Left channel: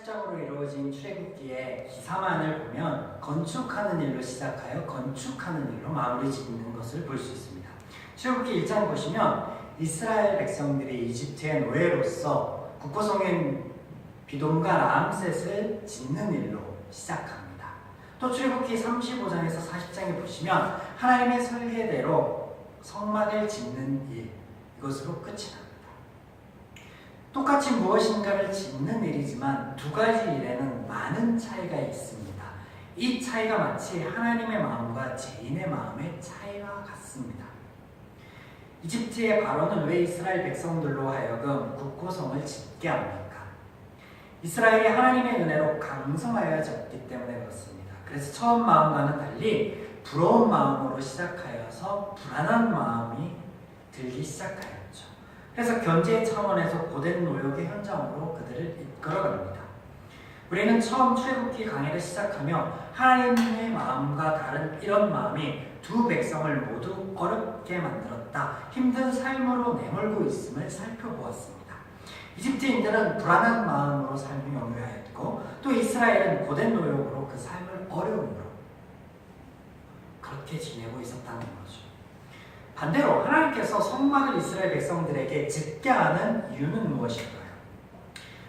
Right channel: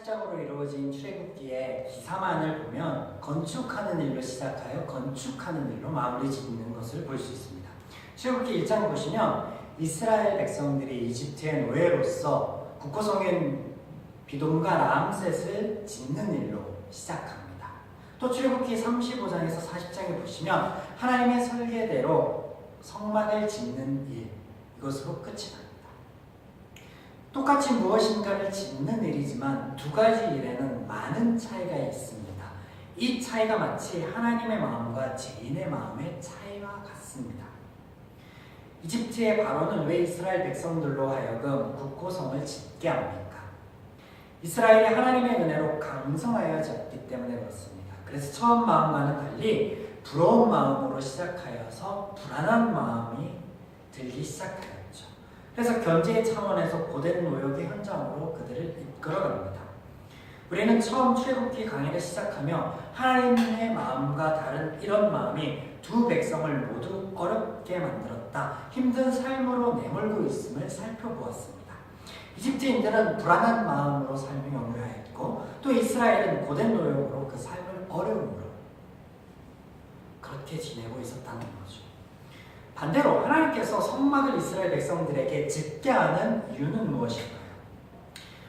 시작으로 이루어진 출애굽기의 기사만을 보면 건축하는 일로 시작하여 건축하는 일로 마무리 짓는 것을 볼 수 있습니다. 출애굽기 1장 보시면 이스라엘 백성들이 이집트의 노예로서 국고성인 비돔과 라암셋을 짓는 일로 시작합니다. 또 출애굽기 35장에서 40장에 보시면 하나님의 설계대로 성막을 짓는 일, 이것으로 끝이 납니다. 똑같이 무엇인가를 짓는 일이지만 두 가지 일에는 많은 차이가 있습니다. 이 차이가 마치 하나님의 마음과 죄인의 마음의 차이와 같습니다. 이집트의 바로는 왜 이스라엘 백성들로 하여금 국고성을 짓게 합니까? 이스라엘이 하나님의 은혜로 강성하여졌기 때문에 그렇습니다. 그래서 처음 마음과는 달리 부러운 마음으로 시작하여서 불안한 마음이 들기 시작하였죠. 그래서 견제 차원에서 고된 노역의 현장으로 그들을 이끌어갑니다. 우리는 처음 출애굽기 강의를 시작하며 하나님의 마음과 다른 이런 마음이 두 백성을 모두 어렵게 만들었다, 힘든 삶으로 내몰고 있음을 살펴보았습니다. 이집트인들은 불안한 마음으로 삶을 영위하였고 또 이스라엘은 고된 노역으로 그 삶을 어려움으로 그렇게 지내고 있었다는 거죠. 반대로 하나님께서 성막을 이스라엘 백성들에게 짓게 하는 이유는 무엇일까요?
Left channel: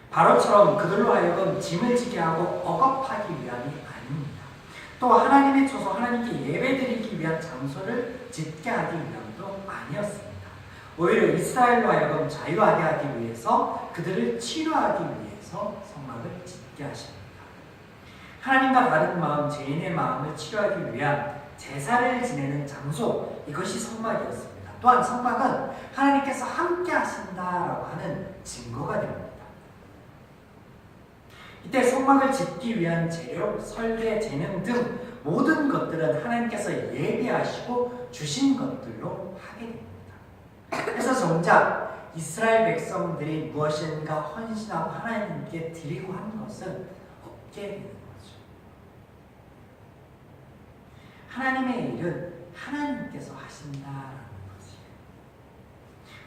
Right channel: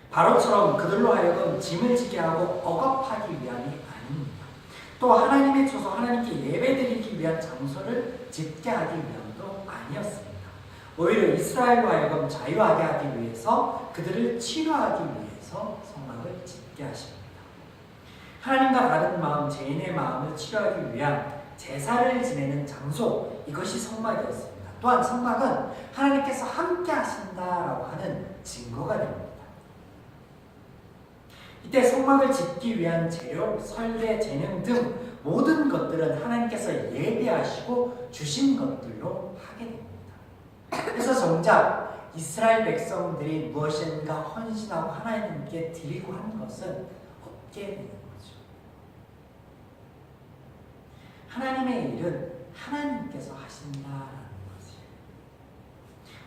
바로처럼 그들로 하여금 짐을 지게 하고 억압하기 위함이 아닙니다. 또 하나님의 조소, 하나님께 예배드리기 위한 장소를 짓게 하기 위함도 아니었습니다. 오히려 이스라엘로 하여금 자유하게 하기 위해서, 그들을 치료하기 위해서 성막을 짓게 하십니다. 하나님과 다른 마음, 죄인의 마음을 치료하기 위한 제사를 지내는 장소, 이것이 성막이었습니다. 또한 성막은 하나님께서 함께 하신다라고 하는 증거가 됩니다. 이때 성막을 짓기 위한 재료, 설계, 재능 등 모든 것들은 하나님께서 예비하시고 주신 것들로 하게 됩니다. 그래서 정작 이스라엘 백성들이 무엇인가 헌신하고 하나님께 드리고 하는 것은 없게 되는 거죠. 하나님의 일은 하나님께서 하신다라는 거지.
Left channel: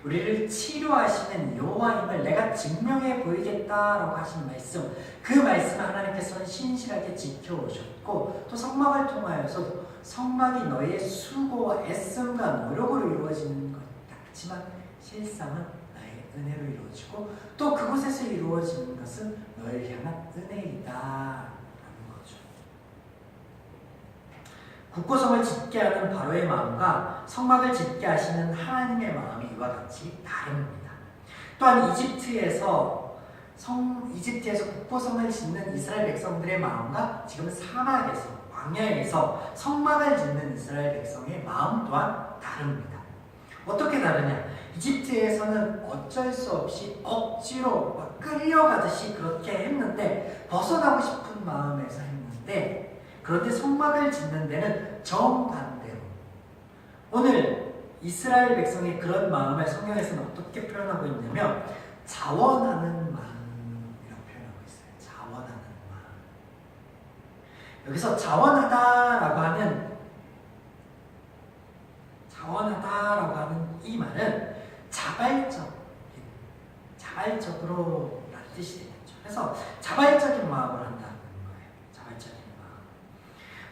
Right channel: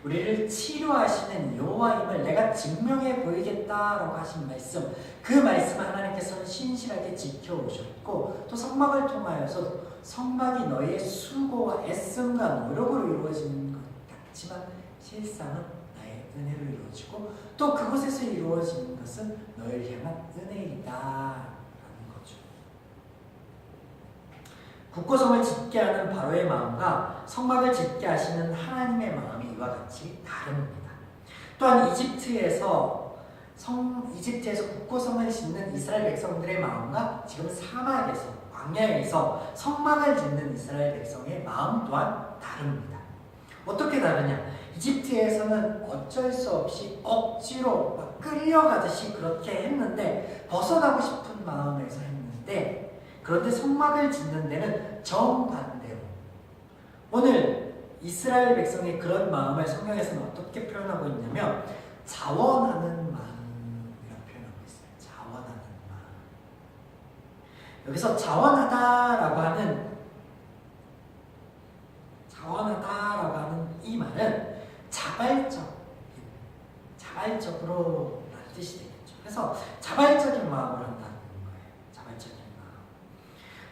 우리를 치료하시는 여호와임을 내가 증명해 보이겠다라고 하신 말씀, 그 말씀을 하나님께서는 신실하게 지켜오셨고 또 성막을 통하여서 성막이 너희의 수고와 애씀과 노력으로 이루어지는 것 같지만 실상은 나의 은혜로 이루어지고 또 그곳에서 이루어지는 것은 너희를 향한 은혜이다. 국고성을 짓게 하는 바로의 마음과 성막을 짓게 하시는 하나님의 마음이 이와 같이 다릅니다. 또한 이집트에서 국고성을 짓는 이스라엘 백성들의 마음과 지금 사막에서, 광야에서 성막을 짓는 이스라엘 백성의 마음 또한 다릅니다. 어떻게 다르냐? 이집트에서는 어쩔 수 없이 억지로 끌려가듯이 그렇게 했는데, 벗어나고 싶은 마음에서 했는데, 그런데 성막을 짓는 데는 정반대로, 오늘 이스라엘 백성이 그런 마음을 성경에서는 어떻게 표현하고 있냐면 자원하는 마음이라고 표현하고 있어요. 자원하는 마음. 여기서 자원하다라고 하는 이 말은 자발적으로 라는 뜻이 되겠죠. 그래서 자발적인 마음을 한다.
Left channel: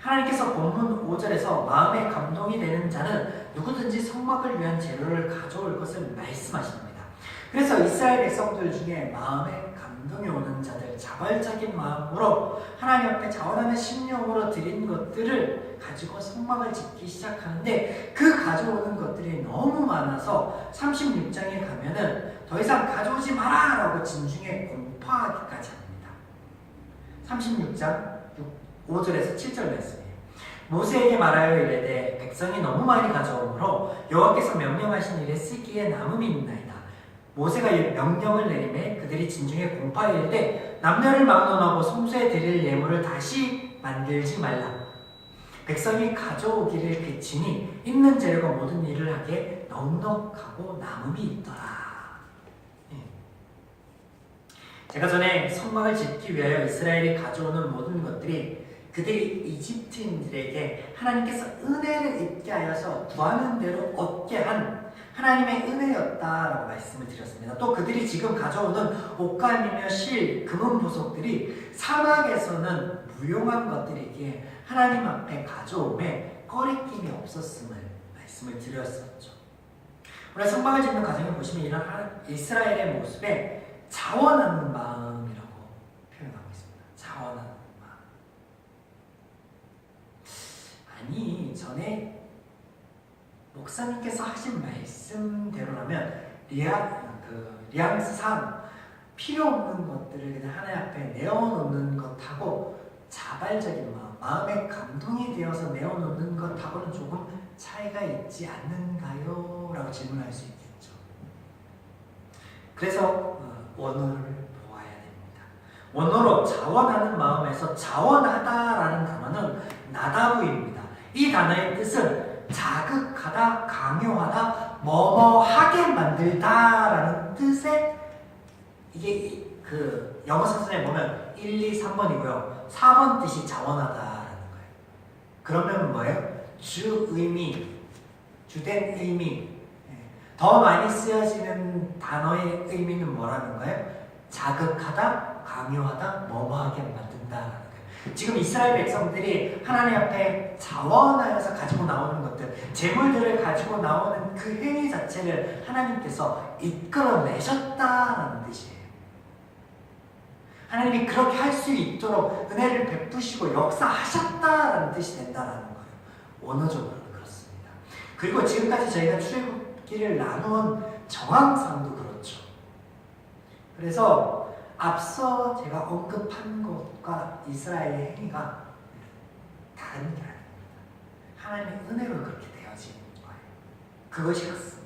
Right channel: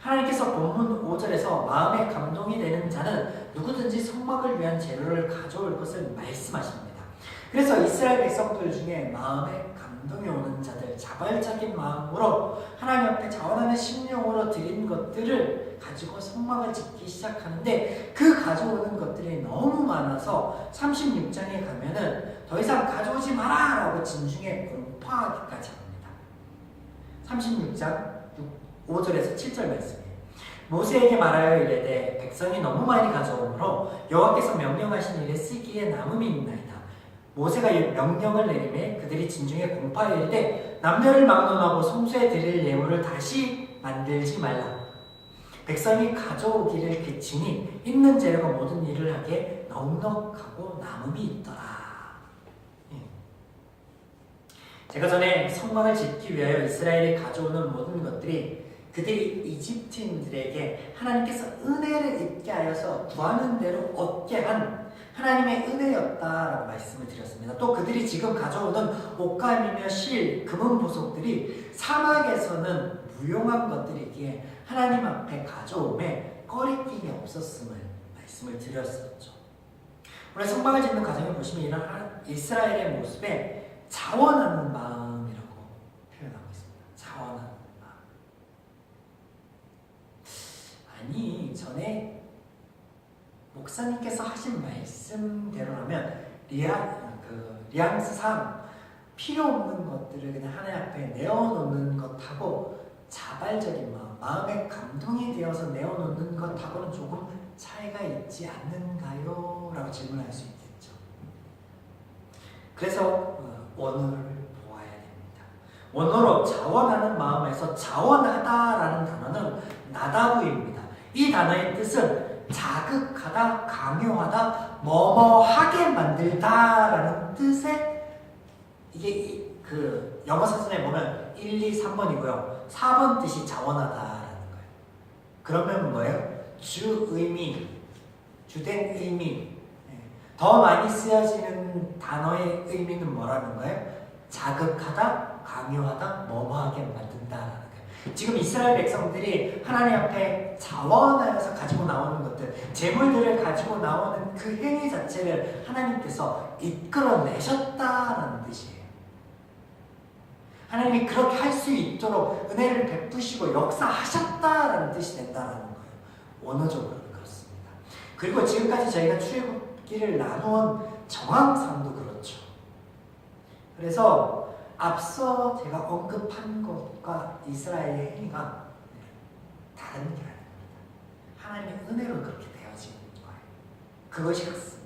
하나님께서 본문 5절에서 마음에 감동이 되는 자는 누구든지 성막을 위한 재료를 가져올 것을 말씀하십니다. 그래서 이스라엘 백성들 중에 마음에 감동이 오는 자들, 자발적인 마음으로 하나님 앞에 자원하는 심령으로 드린 것들을 가지고 성막을 짓기 시작하는데, 그 가져오는 것들이 너무 많아서 36장에 가면은 더 이상 가져오지 마라 라고 진중에 공포하기까지 합니다. 36장 5절에서 7절 말씀이에요. 모세에게 말하여 이르되 백성이 너무 많이 가져오므로 여호와께서 명령하신 일에 쓰기에 남음이 있나이다. 모세가 명령을 내리매 그들이 진중에 공파하여 이르되 남녀를 막론하고 성소에 드릴 예물을 다시 만들지 말라. 백성이 가져오기를 그치니 있는 재료가 모든 일을 하게 넉넉하고 남음이 있더라. 제가 전에 성막을 짓기 위하여 이스라엘이 가져오는 모든 것들이 그들이 이집트인들에게 하나님께서 은혜를 입게 하여서 구하는 대로 얻게 한 하나님의 은혜였다라고 말씀을 드렸습니다. 또 그들이 지금 가져오던 옷감이며 실, 금은 보석들이 사막에서는 무용한 것들이기에 하나님 앞에 가져옴에 꺼리낌이 없었음을 말씀을 드렸었죠. 오늘 성막을 짓는 과정에 보시면 이런 이스라엘의 모습에 자원하는 마음이라고 표현하고 있습니다. 자원하는 마음. 아니, 전에 목사님께서 하신 말씀대로라면 리앙스상 필요 없는 것들을 그냥 하나님 앞에 내어놓는 것하고 자발적인 마음의 감동이 되어서 내어놓는 것하고는 조금 차이가 있지 않는가요? 라고 질문할 수 있겠죠. 그래서 원어를 보아야 됩니다. 원어로 자원하는 마음에서 자원하다라는 단어는 나다부입니다. 이 단어의 뜻은 자극하다, 강요하다, 뭐뭐하게 만들다라는 뜻의 이게 그 영어 사전에 보면 1, 2, 3번이고요. 4번 뜻이 자원하다라는 거예요. 그러면 뭐예요? 주 의미, 주된 의미, 더 많이 쓰여지는 단어의 의미는 뭐라는 거예요? 자극하다, 강요하다, 뭐뭐하게 만든다라는 거예요. 지금 이스라엘 백성들이 하나님 앞에 자원하여서 가지고 나오는 것들, 재물들을 가지고 나오는 그 행위 자체를 하나님께서 이끌어내셨다라는 뜻이에요. 하나님이 그렇게 할 수 있도록 은혜를 베푸시고 역사하셨다라는 뜻이 된다라는 거예요. 원어적으로는 그렇습니다. 그리고 지금까지 저희가 출애굽기를 나눈 정황상도 그렇죠. 그래서 앞서 제가 언급한 것과 이스라엘의 행위가 다른 게 아닙니다. 하나님의 은혜로 그렇게 되어지는 거예요. 그것이 같습니다.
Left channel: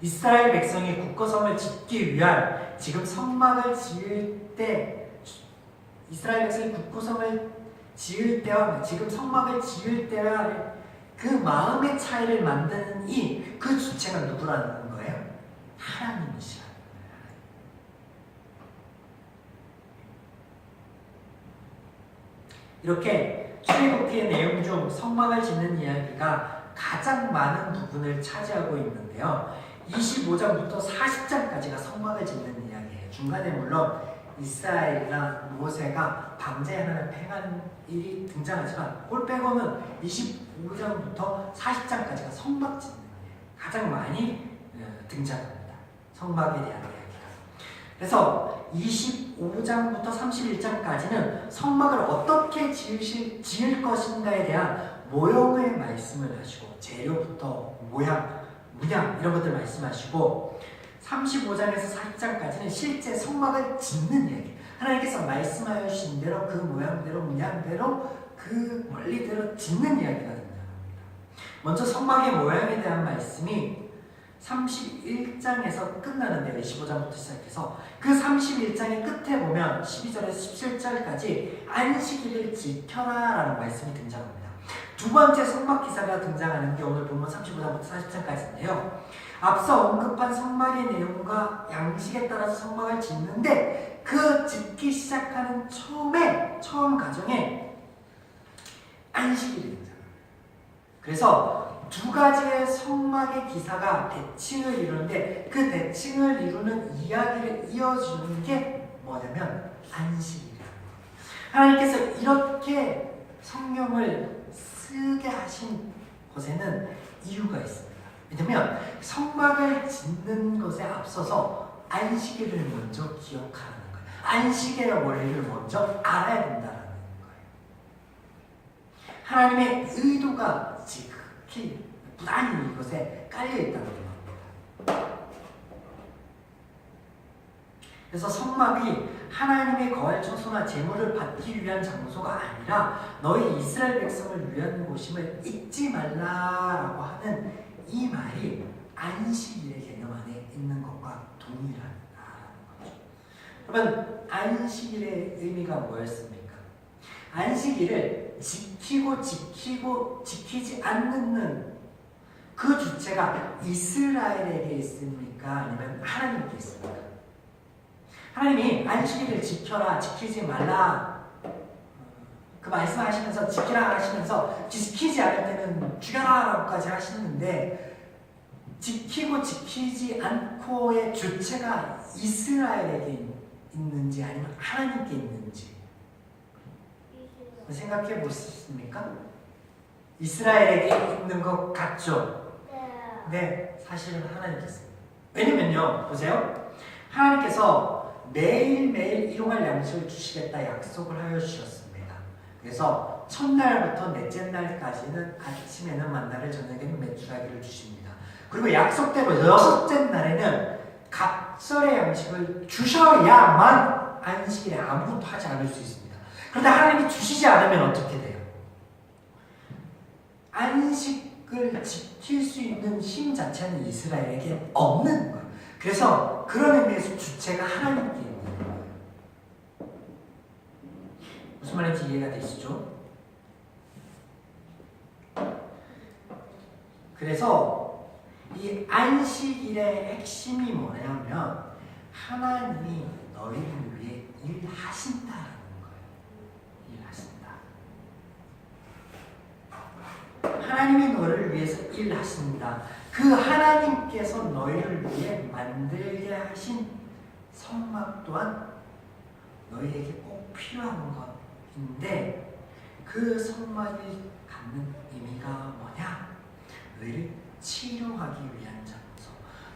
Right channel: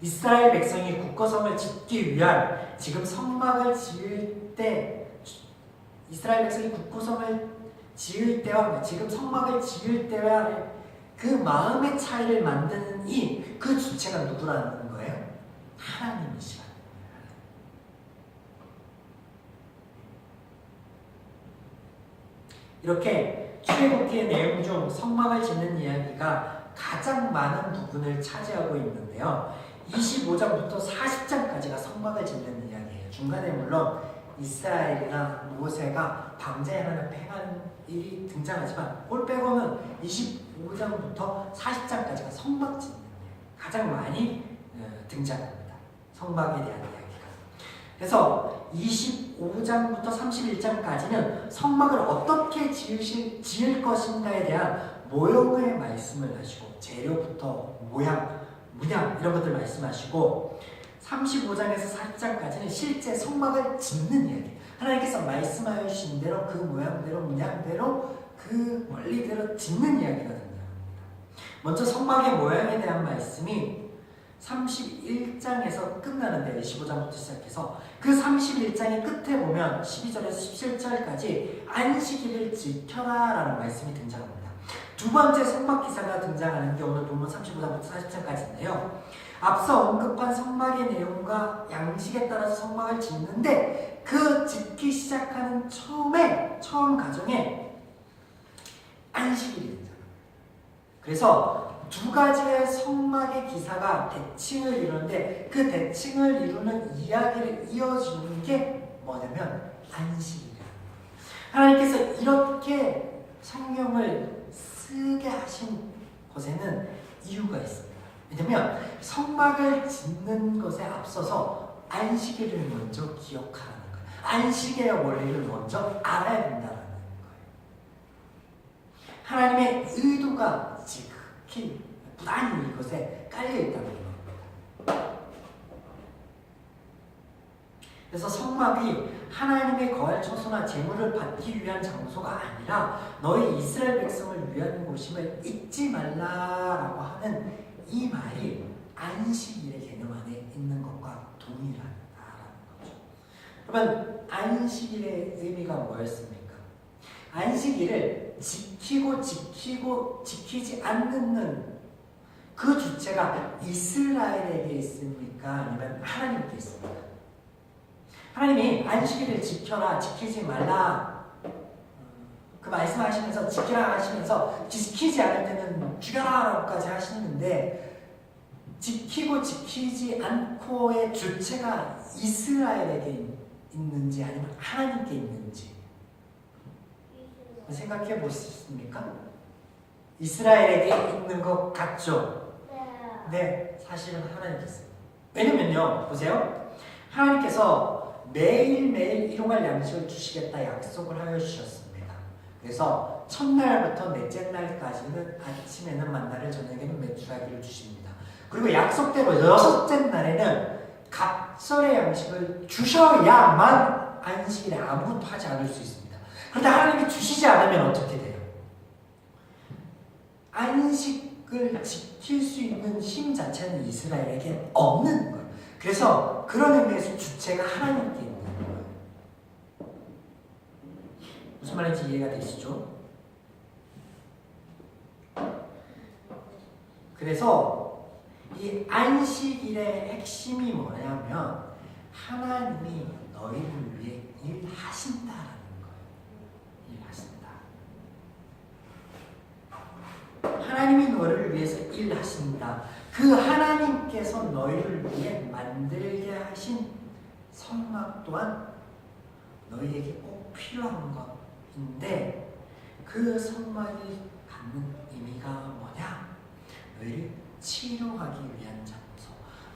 이스라엘 백성이 국거성을 짓기 위한 지금 성막을 지을 때, 이스라엘 백성이 국거성을 지을 때와 지금 성막을 지을 때와 그 마음의 차이를 만드는 그 주체가 누구라는 거예요? 하나님이시라는 거예요. 이렇게 출애굽기의 내용 중 성막을 짓는 이야기가 가장 많은 부분을 차지하고 있는데요. 25장부터 40장까지가 성막을 짓는 이야기예요. 중간에 물론 이스라엘이나 모세가 방제하는 팽한 일이 등장하지만 그걸 빼고는 25장부터 40장까지가 성막 짓는 이야기 가장 많이 등장합니다. 성막에 대한 이야기가. 그래서 25장부터 31장까지는 성막을 어떻게 지을 것인가에 대한 모형의 말씀을 하시고 재료부터 모양, 문양 이런 것들 말씀하시고 35장에서 40장까지는 실제 성막을 짓는 이야기. 하나님께서 말씀하여 주신 대로 그 모양대로 문양대로 그 원리대로 짓는 이야기가 된다. 먼저 성막의 모양에 대한 말씀이 31장에서 끝나는데요. 25장부터 시작해서 그 31장의 끝에 보면 12절에서 17절까지 안식일을 지켜라 라는 말씀이 등장합니다. 두 번째 성막 기사가 등장하는 게 오늘 본문 35장부터 40장까지인데요. 앞서 언급한 성막의 내용과 양식에 따라서 성막을 짓는데 그 짓기 시작하는 처음 과정에 안식일이 등장합니다. 그래서 두 가지의 성막의 기사가 대칭을 이루는데 그 대칭을 이루는 이야기를 이어주는 게 뭐냐면 안식일이에요. 하나님께서 이렇게 성경을 쓰게 하신 곳에는 이유가 있습니다. 왜냐면 성막을 짓는 것에 앞서서 안식일을 먼저 기억하라는 거예요. 안식의 원리를 먼저 알아야 된다는 거예요. 하나님의 의도가 지극히 부단히 이것에 깔려있다는 겁니다. 그래서 성막이 하나님의 거할 처소나 제물을 받기 위한 장소가 아니라 너희 이스라엘 백성을 위한 곳임을 잊지 말라라고 하는 이 말이 안식일의 개념 안에 있는 것과 동일하다는 거죠. 여러분, 안식일의 의미가 뭐였습니까? 안식일을 지키지 않는 그 주체가 이스라엘에게 있습니까? 아니면 하나님께 있습니까? 하나님이 안식일을 지켜라, 지키지 말라 그 말씀하시면서 지키라 하시면서 지키지 않을 때는 죽여라라고까지 하시는데 지키고 지키지 않고의 주체가 이스라엘에게 있는지 아니면 하나님께 있는지 생각해 보셨습니까? 이스라엘에게 있는 것 같죠? 네, 사실은 하나님께 있습니다. 왜냐면요, 보세요. 하나님께서 매일매일 일용할 양식을 주시겠다 약속을 하여 주셨습니다. 그래서 첫날부터 넷째 날까지는 아침에는 만나를 저녁에는 메추라기를 주십니다. 그리고 약속대로 여섯째 날에는 각설의 양식을 주셔야만 안식일에 아무것도 하지 않을 수 있습니다. 그런데 하나님이 주시지 않으면 어떻게 돼요? 안식을 지킬 수 있는 힘 자체는 이스라엘에게 없는 거예요. 그래서 그런 의미에서 주체가 하나님께 있는 거예요. 무슨 말인지 이해가 되시죠? 그래서 이 안식일의 핵심이 뭐냐면 하나님이 너희를 위해 일하신다라는 거예요. 일하신다. 하나님이 너희를 위해서 일하신다. 그 하나님께서 너희를 위해 만들게 하신 성막 또한 너희에게 꼭 필요한 것인데 그 성막이 갖는 의미가 뭐냐? 너희를 치료하기 위한 장소,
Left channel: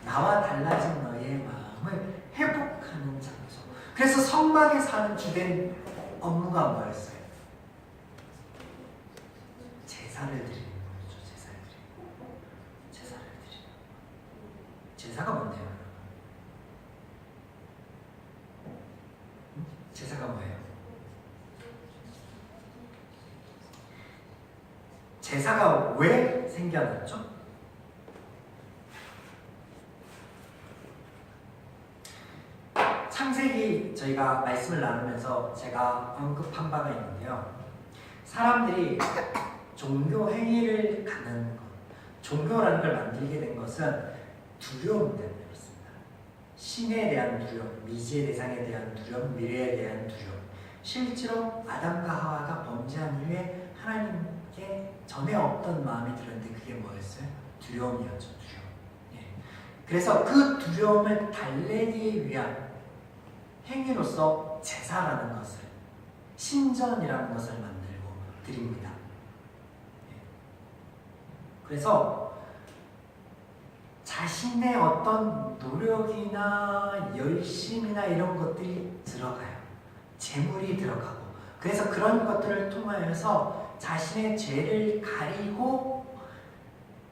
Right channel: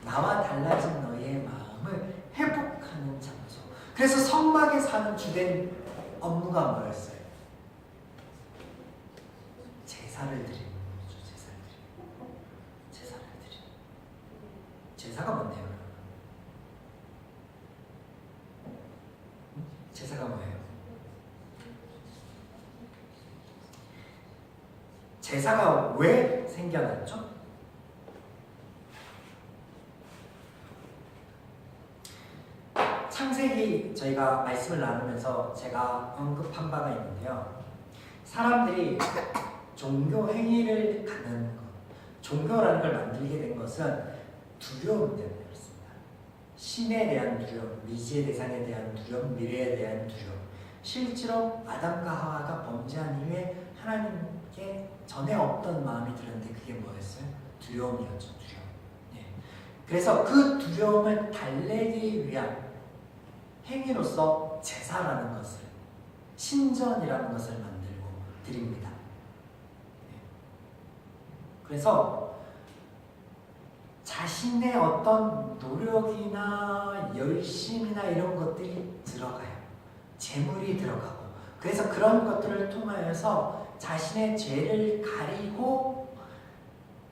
나와 달라진 너희의 마음을 회복하는 장소. 그래서 성막에 사는 주된 업무가 뭐였어요? 제사를 드리는 거죠. 제사를 드리는. 제사가 뭔데요? 제사가 뭐예요? 제사가 왜 생겨났죠? 창세기 저희가 말씀을 나누면서 제가 언급한 바가 있는데요. 사람들이 종교 행위를 갖는 것, 종교라는 걸 만들게 된 것은 두려움 때문에 그렇습니다. 신에 대한 두려움, 미지의 대상에 대한 두려움, 미래에 대한 두려움. 실제로 아담과 하와가 범죄한 이후에 하나님께 전에 없던 마음이 들었는데 그게 뭐였어요? 두려움이었죠. 두려움. 예. 그래서 그 두려움을 달래기 위한 행위로서 제사라는 것을, 신전이라는 것을 만들고 드립니다. 예. 그래서 자신의 어떤 노력이나 열심이나 이런 것들이 들어가요. 재물이 들어가고. 그래서 그런 것들을 통하여서 자신의 죄를 가리고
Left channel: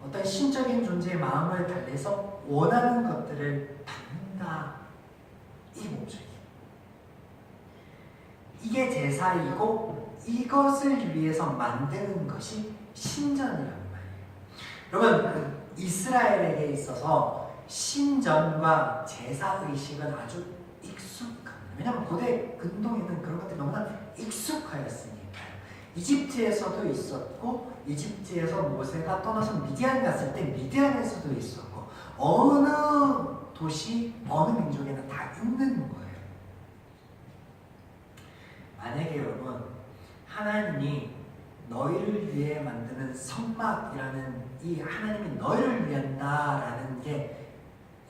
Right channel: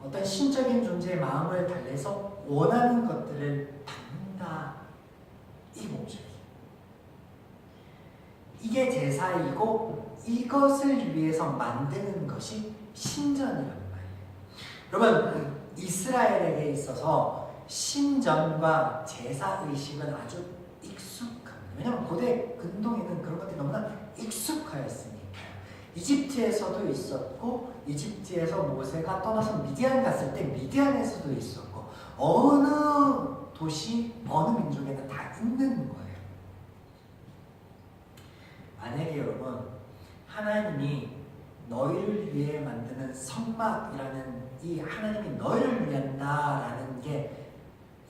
어떤 신적인 존재의 마음을 달래서 원하는 것들을 받는다. 이 목적이. 이게 제사이고 이것을 위해서 만드는 것이 신전이란 말이에요. 여러분, 이스라엘에게 있어서 신전과 제사의식은 아주 익숙합니다. 왜냐하면 고대 근동에는 그런 것들이 너무나 익숙하였으니까요. 이집트에서도 있었고 이집트에서 모세가 떠나서 미디안 갔을 때 미디안에서도 있었고 어느 도시, 어느 민족에는 다 있는 거예요. 만약에 여러분 하나님이 너희를 위해 만드는 성막이라는 이 하나님이 너희를 위한다라는 게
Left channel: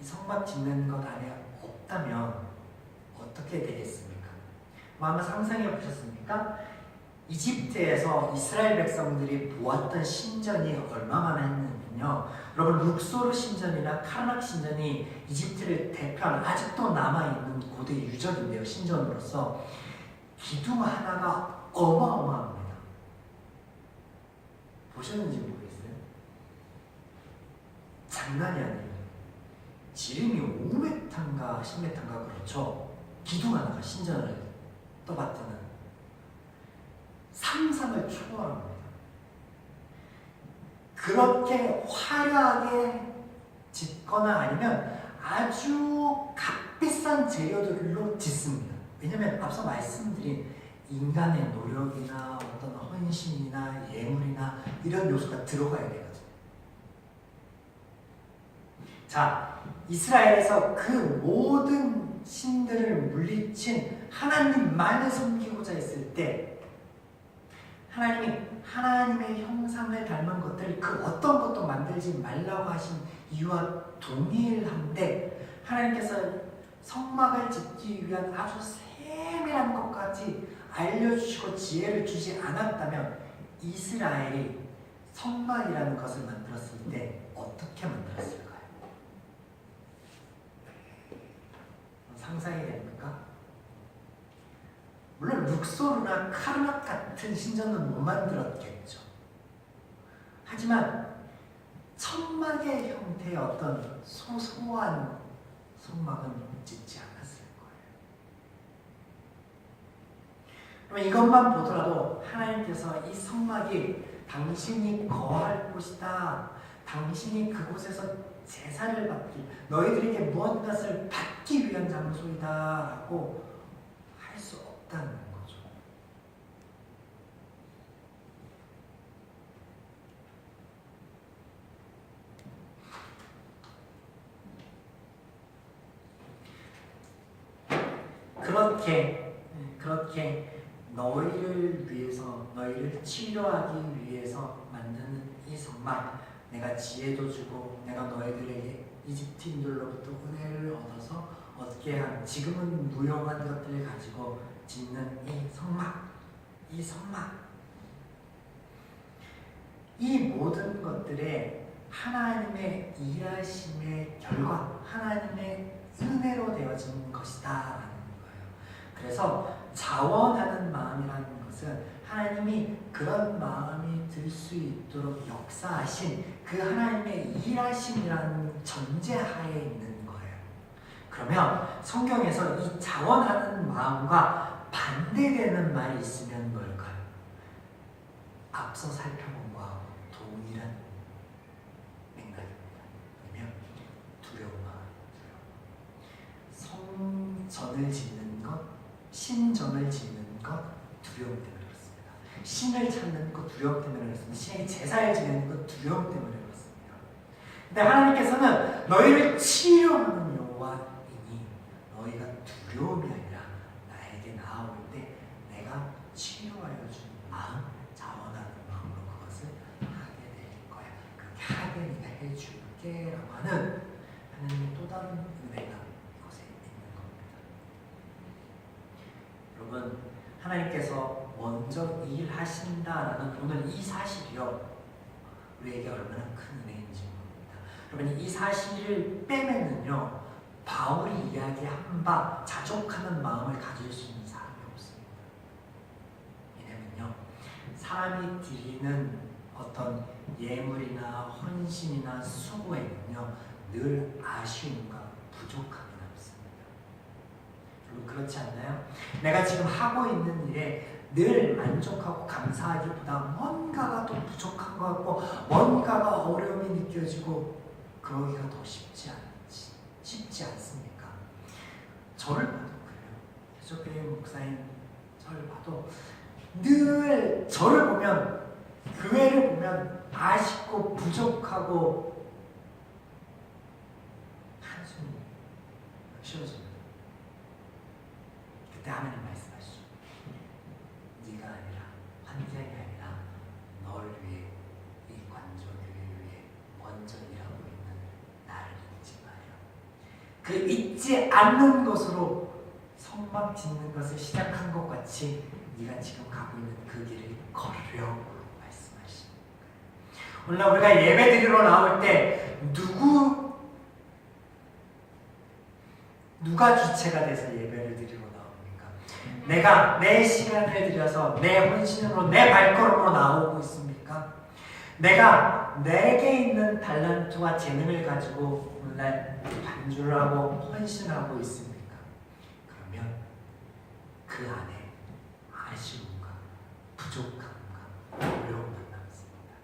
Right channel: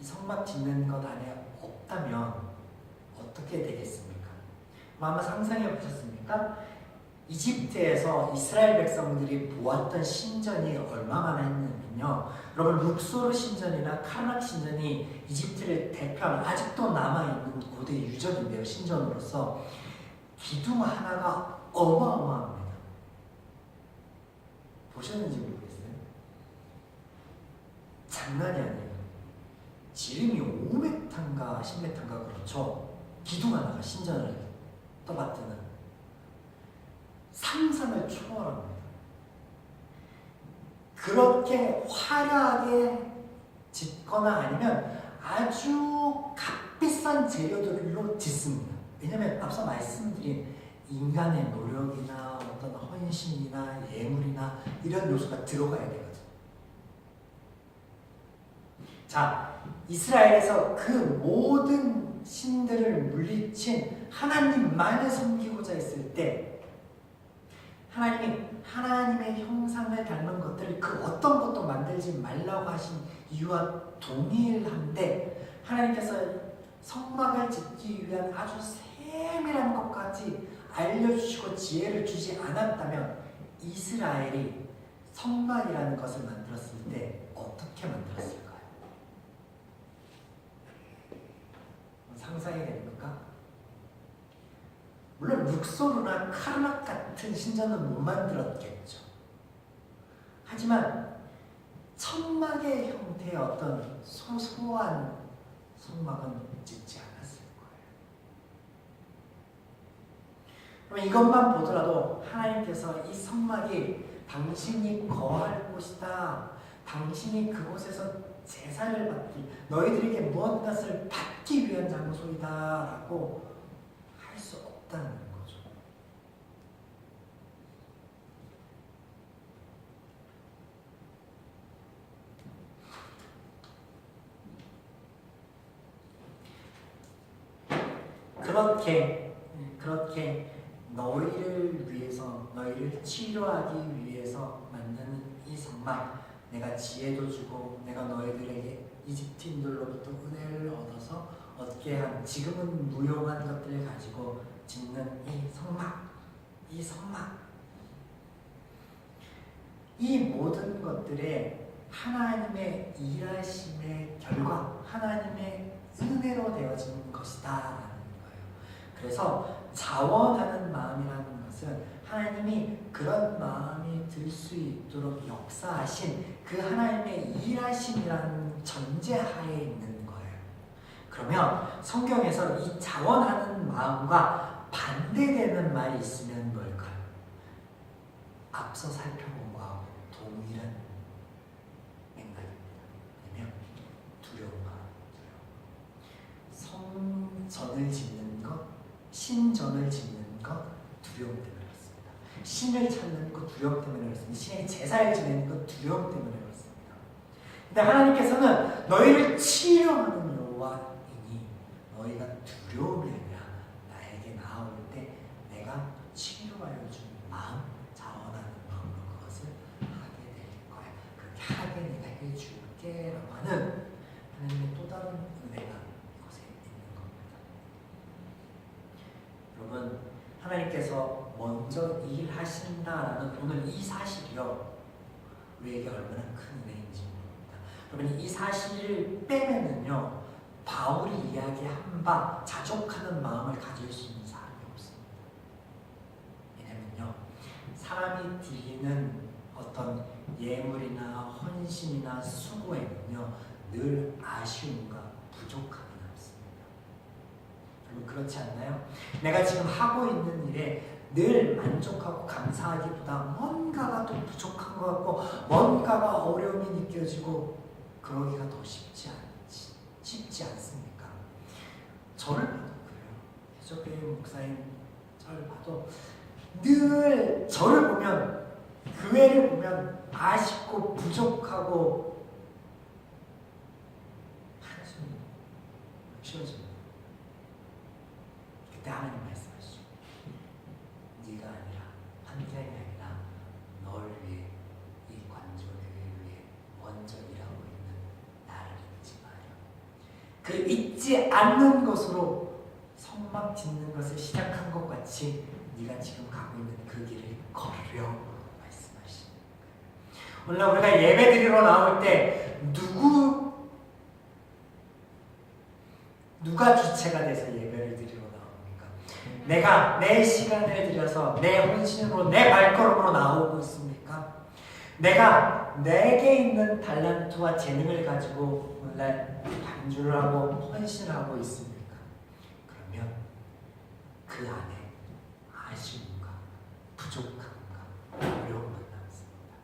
이 성막 짓는 것 안에 없다면 어떻게 되겠습니까? 한번 상상해 보셨습니까? 이집트에서 이스라엘 백성들이 보았던 신전이 얼마나 했냐면요. 여러분 룩소르 신전이나 카르락 신전이 이집트를 대표하는 아직도 남아있는 고대 유적인데요. 신전으로서 기둥 하나가 어마어마합니다. 보셨는지 모르겠어요. 장난이 아니에요. 지름이 5m인가 10m인가 그렇죠. 기둥 하나가 신전을 떠받드는 상상을 초월합니다. 그렇게 화려하게 짓거나 아니면 아주 값비싼 재료들로 짓습니다. 왜냐하면 앞서 말씀드린 인간의 노력이나 어떤 헌신이나 예물이나 이런 요소가 들어가야 되거든요. 자, 이스라엘에서 그 모든 신들을 물리친 하나님만을 섬기고자 했을 때 하나님이 하나님의 형상을 닮은 것들을 그 어떤 것도 만들지 말라고 하신 이유와 동일한데 하나님께서 성막을 짓기 위한 아주 세밀한 것까지 알려주시고 지혜를 주지 않았다면 이스라엘이 성막이라는 것을 만들었을 때 어떻게 만들었을까요? 상상이 됩니까? 물론 룩소르나 카르막 같은 신전은 못 만들었겠죠. 하지만 천막의 형태의 어떤 소소한 성막은 짓지 않았을 거예요. 그럼 이것만 보더라도 하나님께서 이 성막이 당신이 거할 곳이다. 당신이 그곳에서 제사를 받기, 너희들에게 무엇을 받기 위한 장소이다 라고 할 수 없다는 거죠. 그렇게 너희를 위해서, 너희를 치료하기 위해서 만드는 이 성막, 내가 지혜도 주고 내가 너희들에게 이집트인들로부터 은혜를 얻어서 얻게 한 지금은 무용한 것들을 가지고 짓는 이 성막, 이 모든 것들에 하나님의 일하심의 결과, 하나님의 은혜로 되어진 것이다. 그래서 자원하는 마음이라는 것은 하나님이 그런 마음이 들 수 있도록 역사하신 그 하나님의 일하심이라는 전제하에 있는 거예요. 그러면 성경에서 이 자원하는 마음과 반대되는 말이 있으면 뭘까요? 앞서 살펴본 거하고 동일한 맥락입니다. 아니면 두려운 마음. 성전을 짓는 것, 신전을 짓는 것 두려움 때문에 그렇습니다. 신을 찾는 것 두려움 때문에 그렇습니다. 신의 제사를 지내는 것 두려움 때문에 그렇습니다. 근데 하나님께서는 너희를 치료하는 여호와이니 너희가 두려움이 아니라 나에게 나아올 때 내가 치료하여 준 마음, 자원하는 마음으로 그것을 하게 될 거야. 그렇게 하게 내가 해줄게 라고 하는 하나님의 또 다른 은혜가 이곳에 있는 겁니다. 여러분, 하나님께서 먼저 일하신다라는 오늘 이 사실이요, 우리에게 얼마나 큰 은혜인지 모릅니다. 여러분, 이 사실을 빼면은요, 바울이 이야기한 바 자족하는 마음을 가질 수 있는 사람이 없습니다. 왜냐면요, 사람이 드리는 어떤 예물이나 헌신이나 수고에는요, 늘 아쉬움과 부족함이 남습니다. 여러분, 그렇지 않나요? 내가 지금 하고 있는 일에 늘 만족하고 감사하기보다 뭔가가 또 부족한 것 같고 뭔가가 어려움이 느껴지고 그러기가 더 쉽지 않습니까? 저를 봐도 그래요. 해적교회 목사님 저를 봐도 늘 저를 보면, 교회를 보면 아쉽고 부족하고 한숨이 쉬어집니다. 그때 하나님 말씀하시죠. 네가 아니라, 환경이 아니라 널 위해, 이 관조교회를 위해 먼저 일하고 있는 나를 잊지 마라. 그 잊지 않는 것으로 성막 짓는 것을 시작한 것 같이 네가 지금 가고 있는 그 길을 걸으려 말씀하십니다. 오늘 우리가 예배 드리러 나올 때 누가 주체가 돼서 예배를 드리러 나옵니까? 내가 내 시간을 들여서 내 헌신으로 내 발걸음으로 나오고 있습니까? 내가 내게 있는 달란트와 재능을 가지고 오늘날 반주를 하고 헌신을 하고 있습니까? 그러면 그 안에 아쉬움과 부족함과 어려움만 남습니다.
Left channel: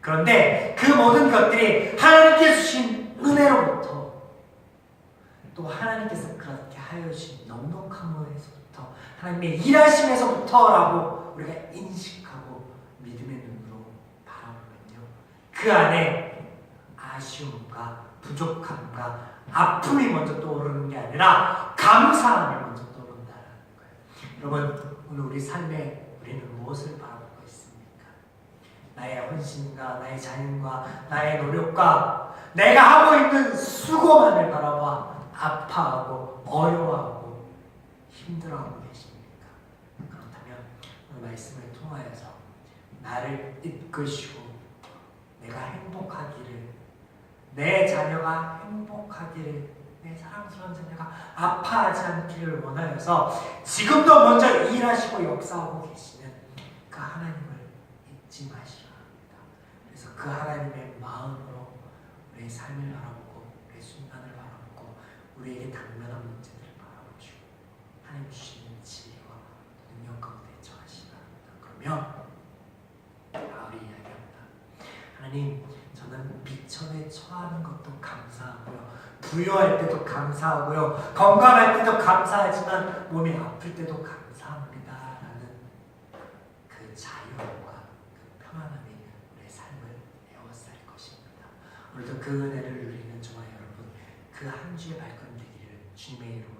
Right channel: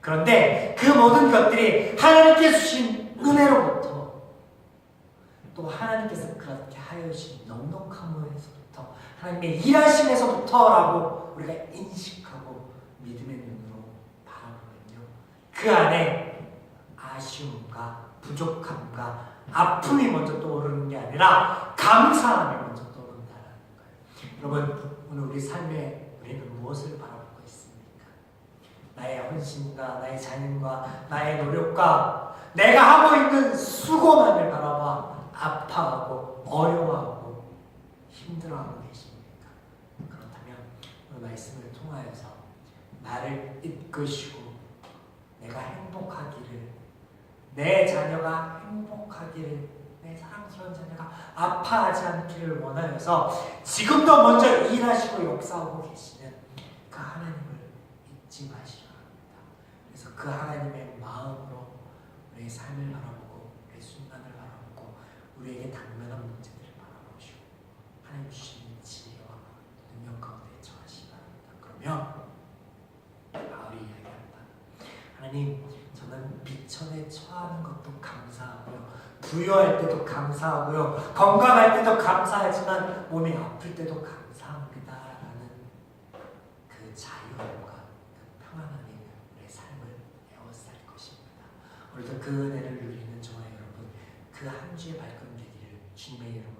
그런데 그 모든 것들이 하나님께 주신 은혜로부터, 또 하나님께서 그렇게 하여 주신 넉넉함에서부터, 하나님의 일하심에서부터라고 우리가 인식하고 믿음의 눈으로 바라보면요, 그 안에 아쉬움과 부족함과 아픔이 먼저 떠오르는 게 아니라 감사함이 먼저 떠오른다는 거예요. 여러분, 오늘 우리 삶에 우리는 무엇을 바라보고 있습니까? 나의 헌신과 나의 자연과 나의 노력과 내가 하고 있는 수고만을 바라봐 아파하고 어려워하고 힘들어하고 계십니까? 그렇다면 오늘 말씀을 통하여서 나를 이끄시고 내가 행복하기를, 내 자녀가 행복하기를, 내 사랑스러운 자녀가 아파하지 않기를 원하여서 지금도 먼저 일하시고 역사하고 계시는 그 하나님을 잊지 마시기 바랍니다. 그래서 그 하나님의 마음으로 우리의 삶을 바라보고 우리의 순간을 바라보고 우리에게 당면한 문제들을 바라보시고 하나님 주시는 지혜와 능력 가운데 처하시기 바랍니다. 그러면 바울이 이야기합니다. 하나님, 저는 비천에 처하는 것도 감사하고요, 부유할 때도 감사하고요, 건강할 때도 감사하지만 몸이 아플 때도 감사합니다 라는 그 자유함과 그 평안함이 우리의 삶을 에워쌀 것입니다. 오늘도 그 은혜를 누리는 저와 여러분, 그 한 주의 발걸음 되기를 주님의 이름으로